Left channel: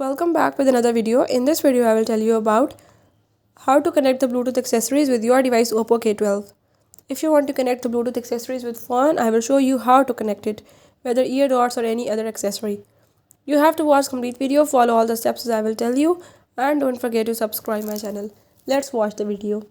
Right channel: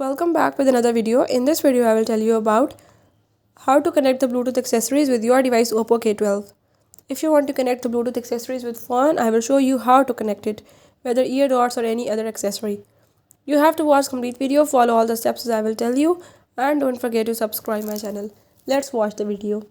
Welcome back with another video. In this video, I will tell you about how to connect the Bluetooth accessories with your device Oppo K12. If you want to connect the Bluetooth accessories with phone, I will show you how to connect it, whether ear dots or any other accessory. You have to watch complete video, follow all the steps as I will tell you, and don't forget to subscribe my channel. Let's watch the video.